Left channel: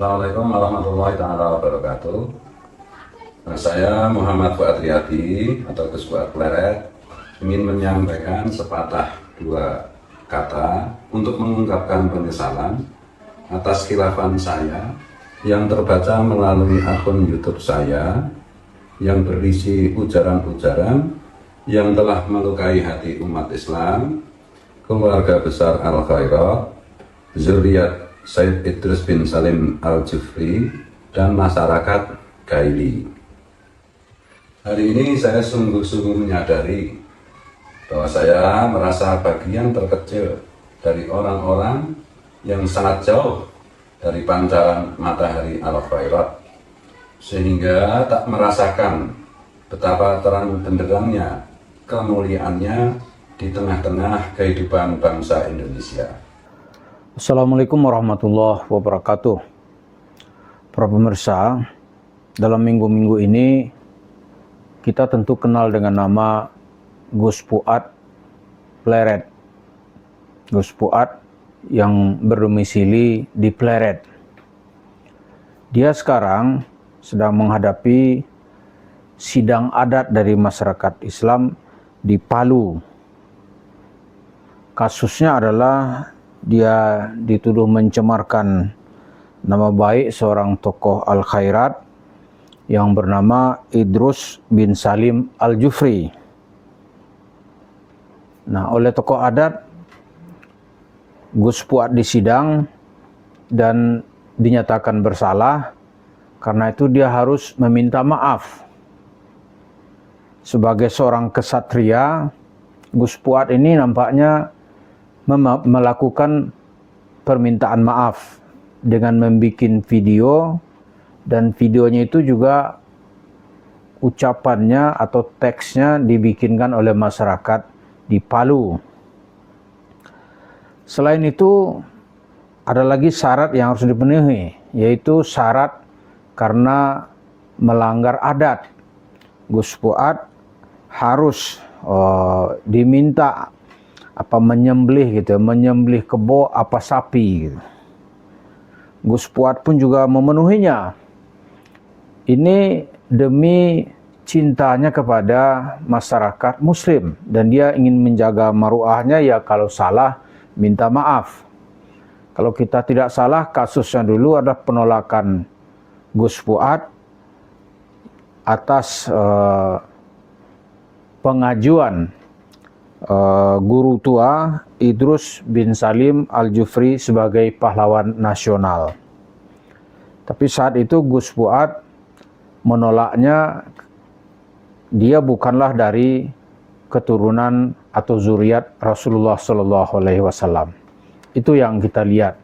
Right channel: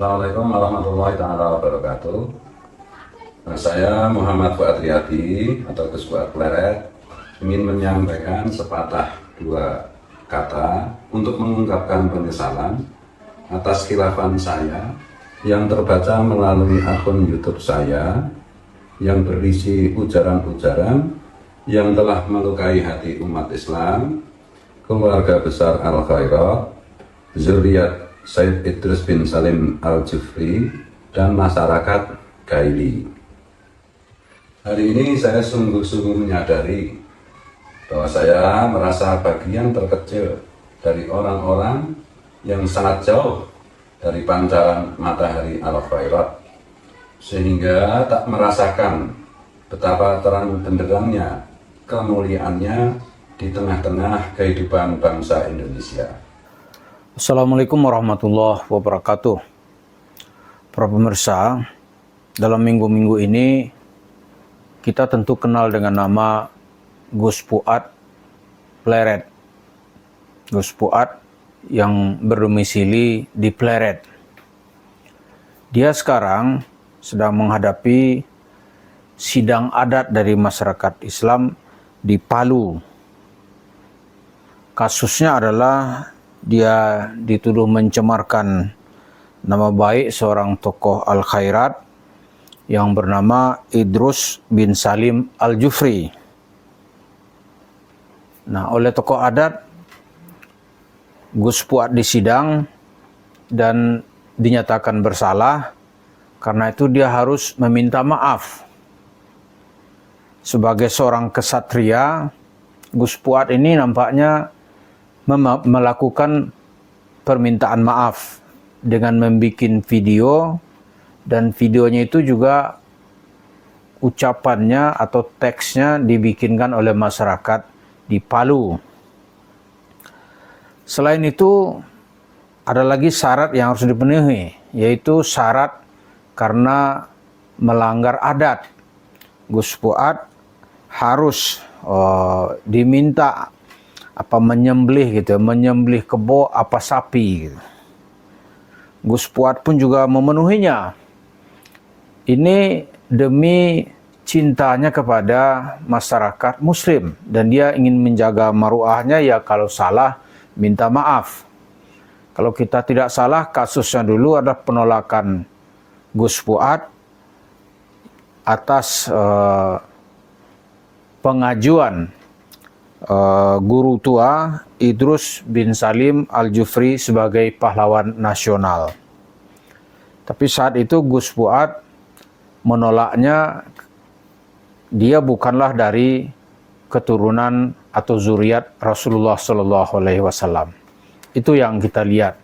Assalamualaikum warahmatullahi taala wabarakatuh. Saya Muhammad Fuad Riyadi atau Gus Fuad Pleret ingin menyampaikan sepatah dua kata untuk mengungkapkan penyesalan atas khilafan saya yang terbaca melalui akun YouTube saya yang berisi ujaran-ujaran yang telah melukai hati umat Islam, keluarga besar Al-Khairat, zuriat Said Idrus bin Salim Al-Jufri, dan masyarakat Gaili. Hari ini saya sungguh-sungguh menyadari bahwa saya merasa bagian terkecil dari orang-orang yang sangat jauh dari pancaran matahari Al-Khairat, sehingga tak merasakan betapa terang benderangnya kemuliaannya di tengah-tengah kehidupan bangsa Indonesia. Assalamualaikum warahmatullahi wabarakatuh. Para pemirsa, dalam minggu-minggu ini kita tentu kenal dengan nama Gus Fuad Pleret. Gus Fuad yang berdomisili di Pleret. Dia sekarang sedang menghadapi sidang adat dari masyarakat Islam di Palu. Kasusnya adalah dia dituduh mencemarkan nama baik seorang tokoh Al-Khairat yang bernama Idrus bin Salim Al-Jufri. Nah, oleh tokoh adat, Gus Fuad disidang dan dinyatakan bersalah. Karena itu dia harus meminta maaf. Sebagai seorang kesatria, Gus Fuad ini nampaknya melakukan permintaan maaf dengan membuat video, dan videonya itu juga ucapannya atau teksnya dibikinkan oleh masyarakat di Palu. Selain itu, ada lagi syarat yang harus dipenuhi, yaitu syarat karena melanggar adat. Gus Fuad harus diminta menyembelih kebo sapi gitu. Gus Fuad pun juga memenuhinya. Ini demi cintanya kepada masyarakat muslim, dan dia ingin menjaga maruahnya, ya kalau salah minta maaf. Kalau kita tidak salah, kasusnya dulu ada penolakan Gus Fuad atas pengajuan guru tua Idrus bin Salim Al-Jufri sebagai pahlawan nasional. Tapi saat itu Gus Fuad menolaknya. Dia bukanlah dari keturunan atau zuriat Rasulullah SAW. Itu yang kita lihat.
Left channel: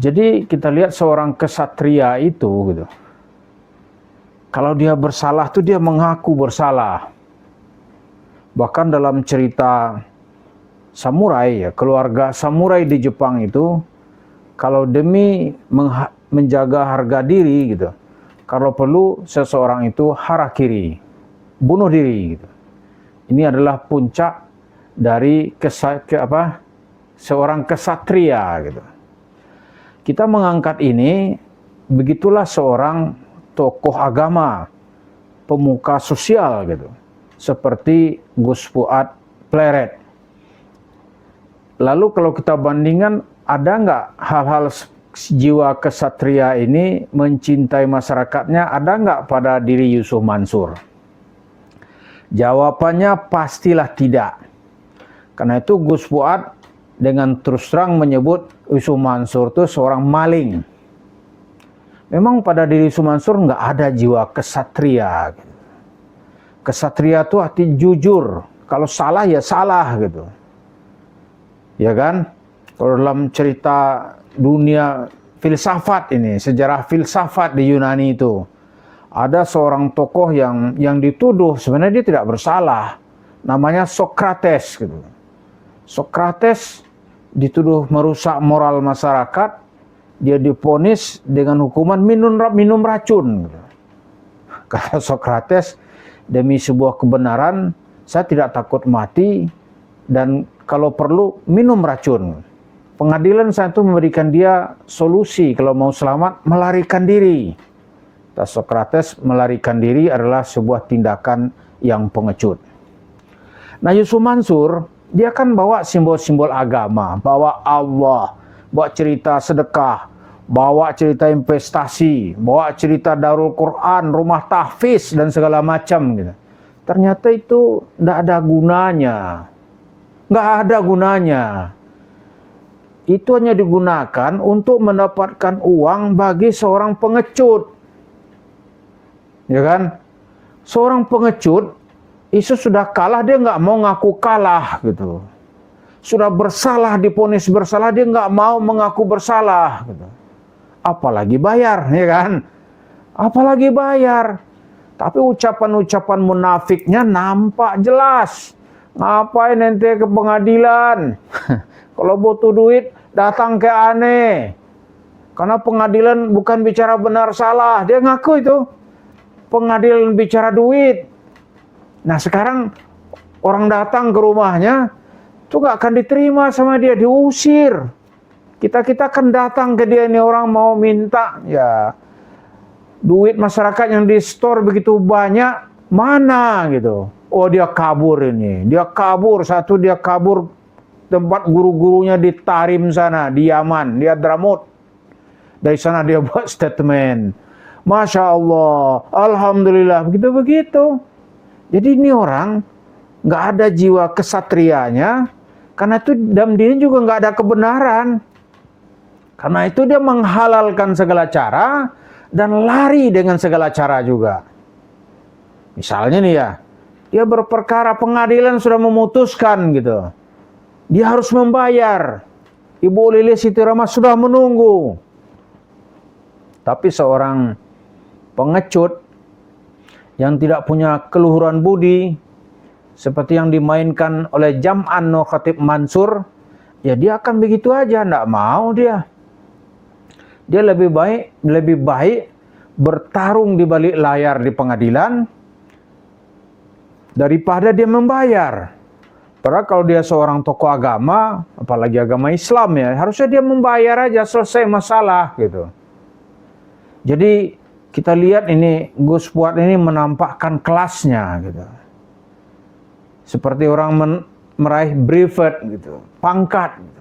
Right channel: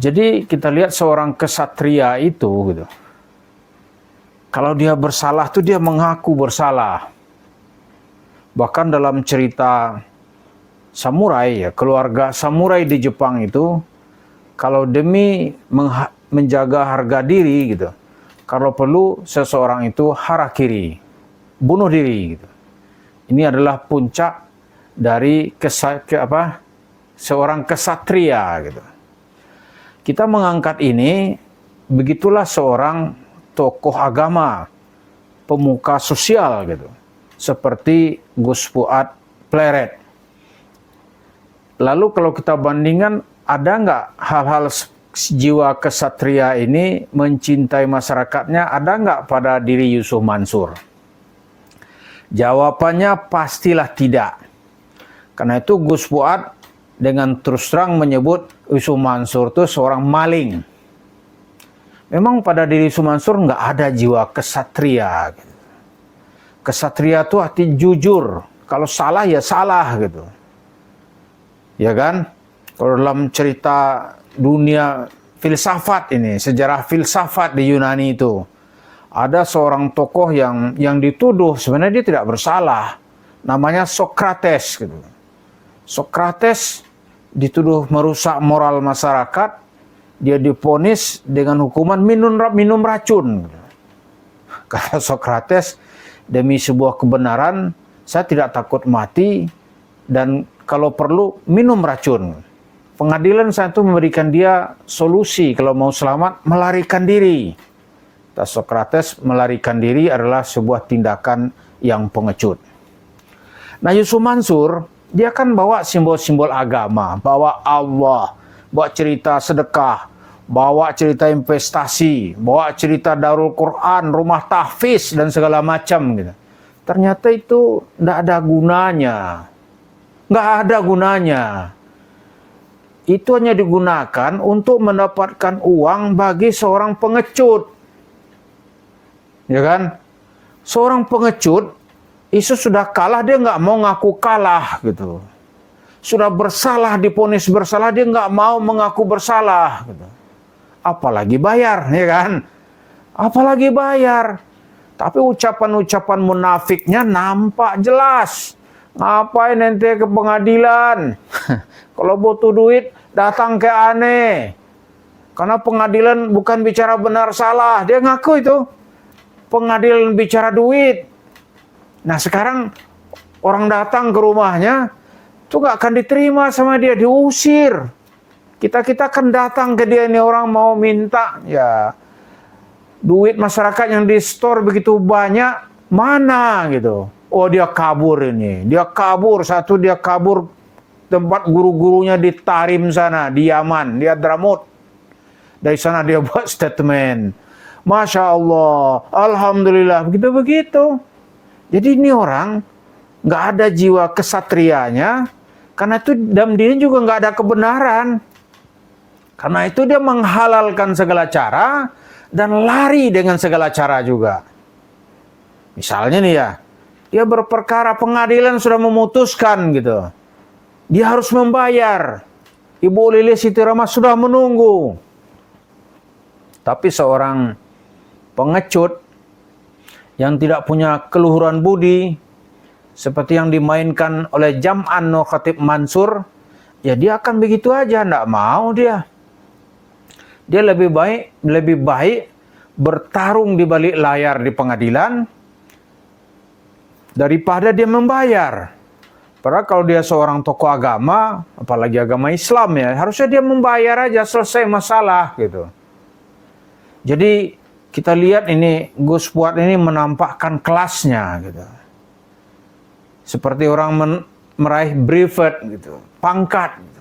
Jadi kita lihat seorang kesatria itu gitu. Kalau dia bersalah tuh dia mengaku bersalah. Bahkan dalam cerita samurai, keluarga samurai di Jepang itu, kalau demi menjaga harga diri gitu, kalau perlu seseorang itu harakiri, bunuh diri gitu. Ini adalah puncak dari seorang kesatria gitu. Kita mengangkat ini, begitulah seorang tokoh agama, pemuka sosial gitu, seperti Gus Fuad Pleret. Lalu kalau kita bandingkan, ada nggak hal-hal jiwa kesatria ini mencintai masyarakatnya, ada nggak pada diri Yusuf Mansur? Jawabannya pastilah tidak. Karena itu Gus Fuad dengan terus terang menyebut Yusuf Mansur itu seorang maling. Memang pada diri Yusuf Mansur nggak ada jiwa kesatria. Kesatria itu arti jujur. Kalau salah ya salah gitu. Ya kan? Kalau dalam cerita dunia filsafat ini, sejarah filsafat di Yunani itu, ada seorang tokoh yang dituduh sebenarnya dia tidak bersalah. Namanya Sokrates gitu. Sokrates dituduh merusak moral masyarakat, dia divonis dengan hukuman minum racun. Kata Sokrates, demi sebuah kebenaran, saya tidak takut mati, dan kalau perlu minum racun. Pengadilan saat itu memberikan dia solusi kalau mau selamat, melarikan diri. Kata Sokrates, melarikan diri adalah sebuah tindakan yang pengecut. Nah, Yusuf Mansur, dia kan bawa simbol-simbol agama, bawa Allah, bawa cerita sedekah, bawa cerita investasi, bawa cerita Darul Quran, rumah tahfiz, dan segala macam gitu. Ternyata itu tidak ada gunanya. Nggak ada gunanya. Itu hanya digunakan untuk mendapatkan uang bagi seorang pengecut. Ya kan? Seorang pengecut, Yesus sudah kalah, dia nggak mau ngaku kalah gitu. Sudah bersalah, divonis bersalah, dia nggak mau mengaku bersalah gitu. Apalagi bayar, ya kan? Apalagi bayar. Tapi ucapan-ucapan munafiknya nampak jelas. Ngapain ente ke pengadilan? Kalau butuh duit, datang ke aneh. Karena pengadilan bukan bicara benar salah. Dia ngaku itu. Pengadilan bicara duit. Nah sekarang orang datang ke rumahnya, itu gak akan diterima sama dia, diusir. Kita kan datang ke dia, ini orang mau minta, ya duit masyarakat yang di store begitu banyak, mana gitu. Oh dia kabur ini, dia kabur, dia kabur tempat guru-gurunya di Tarim sana, di Yaman, di Hadramut. Dari sana dia buat statement. Masya Allah, Alhamdulillah, begitu-begitu. Jadi ini orang nggak ada jiwa kesatrianya, karena itu dalam diri juga nggak ada kebenaran. Karena itu dia menghalalkan segala cara dan lari dengan segala cara juga. Misalnya nih ya, dia berperkara, pengadilan sudah memutuskan gitu. Dia harus membayar. Ibu Lilis Siti Rama sudah menunggu. Tapi seorang pengecut yang tidak punya keluhuran budi, seperti yang dimainkan oleh Jam'an No Khatib Mansur, ya dia akan begitu aja, tidak mau dia. Dia lebih baik bertarung di balik layar di pengadilan daripada dia membayar. Padahal kalau dia seorang tokoh agama, apalagi agama Islam ya, harusnya dia membayar aja, selesai masalah gitu. Jadi kita lihat ini Gus Fuad ini menampakkan kelasnya gitu. Seperti orang meraih brevet gitu, pangkat gitu.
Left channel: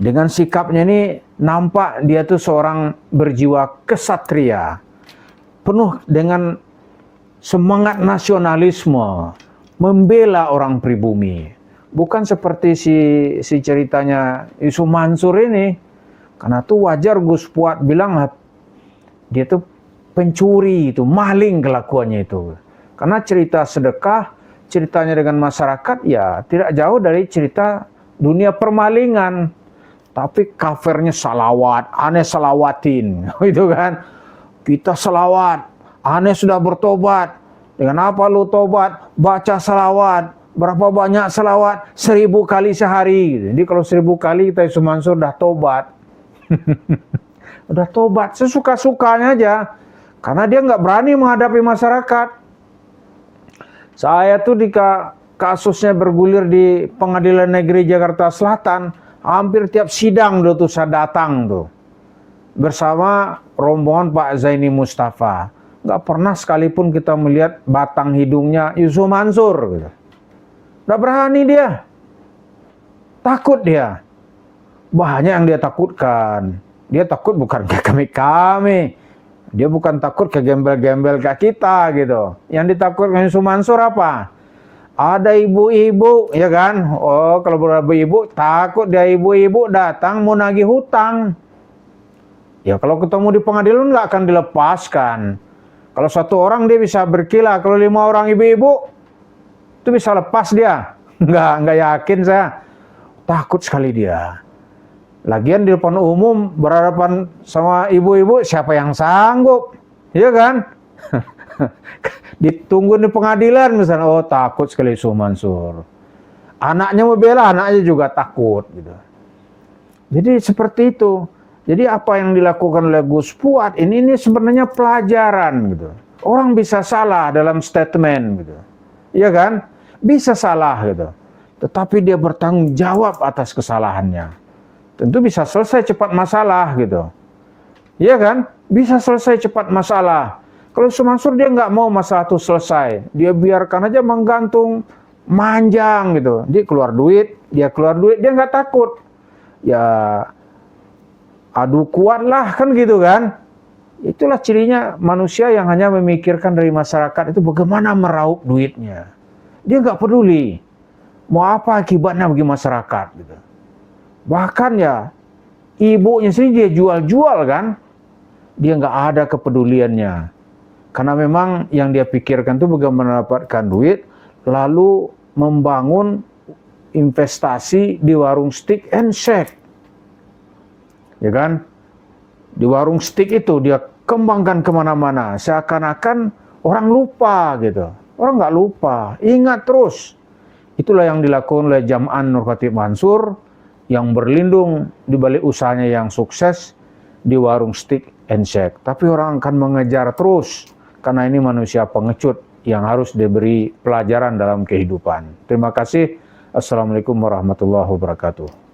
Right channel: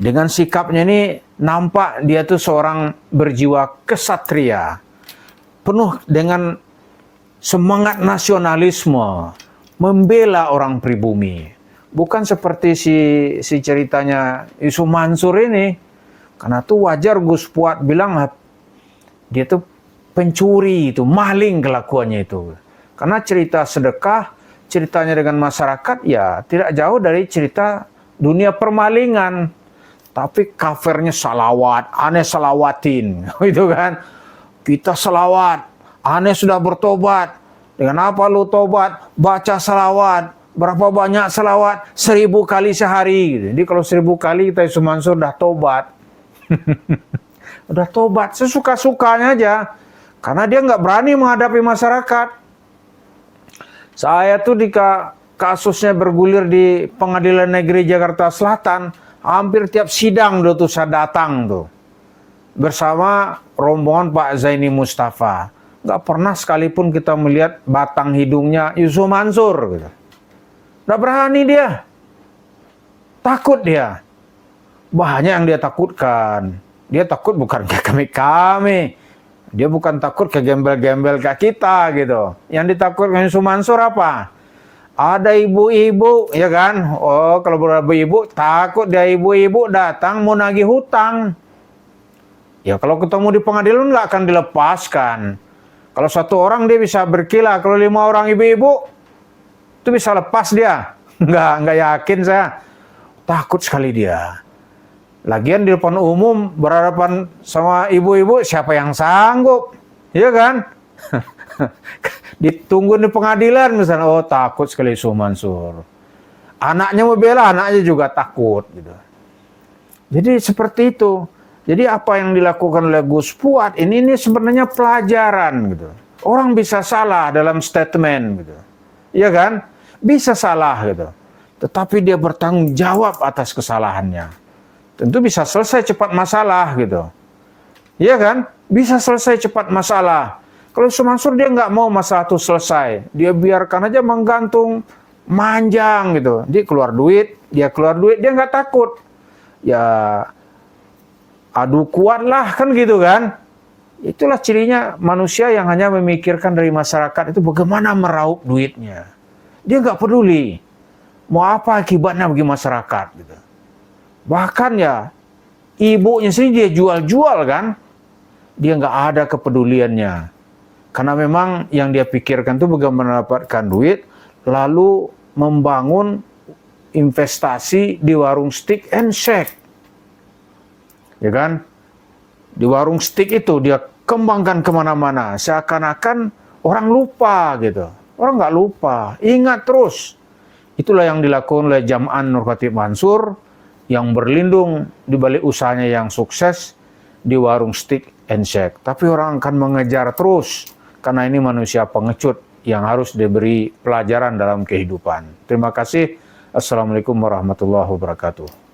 Dengan sikapnya ini nampak dia tuh seorang berjiwa kesatria, penuh dengan semangat nasionalisme, membela orang pribumi. Bukan seperti si ceritanya Yusuf Mansur ini. Karena tuh wajar Gus Fuad bilang dia tuh pencuri itu, maling kelakuannya itu. Karena cerita sedekah, ceritanya dengan masyarakat ya tidak jauh dari cerita dunia permalingan. Tapi covernya salawat, aneh salawatin, gitu kan. Kita salawat, aneh sudah bertobat. Dengan apa lu tobat? Baca salawat. Berapa banyak salawat? 1000 kali sehari. Jadi kalau 1000 kali kita Yusuf Mansur udah tobat. Udah tobat, sesuka-sukanya aja. Karena dia nggak berani menghadapi masyarakat. Saya tuh di kasusnya bergulir di Pengadilan Negeri Jakarta Selatan, hampir tiap sidang tuh saya datang tuh. Bersama rombongan Pak Zaini Mustafa. Nggak pernah sekalipun kita melihat batang hidungnya Yusuf Mansur. Gitu. Nggak berani dia. Takut dia. Banyak yang dia takutkan. Dia takut bukan ke kami. Dia bukan takut ke gembel-gembel ke kita gitu. Yang ditakutkan Yusuf Mansur apa? Ada ibu-ibu, ya kan? Oh, kalau ibu-ibu takut dia ibu-ibu datang mau nagih hutang. Ya kalau ketemu di pengadilan nggak akan dilepaskan. Kalau satu orang dia bisa berkilah, kalau 5 orang ibu-ibu itu bisa lepas dia. Nggak yakin saya. Takut sekali dia. Lagian di depan umum berhadapan sama ibu-ibu, siapa yang sanggup? Ya kan? Ditunggu di pengadilan misalnya, oh takut sekali Yusuf Mansur. Anaknya mau bela, anaknya juga takut gitu. Jadi seperti itu. Jadi apa yang dilakukan oleh Gus Fuad ini sebenarnya pelajaran gitu. Orang bisa salah dalam statement gitu. Iya kan? Bisa salah gitu. Tetapi dia bertanggung jawab atas kesalahannya. tentu bisa selesai cepat masalah gitu. Iya kan? Bisa selesai cepat masalah. Kalau Yusuf Mansur dia nggak mau masalah itu selesai. Dia biarkan aja menggantung, manjang gitu. Dia keluar duit, dia nggak takut. Ya adu kuat lah kan gitu kan. Itulah cirinya manusia yang hanya memikirkan dari masyarakat itu bagaimana meraup duitnya. Dia nggak peduli mau apa akibatnya bagi masyarakat gitu. Bahkan ya ibunya sendiri dia jual-jual kan. Dia nggak ada kepeduliannya. Karena memang yang dia pikirkan itu bagaimana mendapatkan duit, lalu membangun investasi di warung steak and shake. Ya kan? Di warung steak itu dia kembangkan kemana-mana. Seakan-akan orang lupa gitu. Orang nggak lupa, ingat terus. Itulah yang dilakukan oleh Jam'an Nur Khatib Mansur yang berlindung di balik usahanya yang sukses di warung steak and shake. Tapi orang akan mengejar terus karena ini manusia pengecut yang harus diberi pelajaran dalam kehidupan. Terima kasih. Assalamualaikum warahmatullahi wabarakatuh.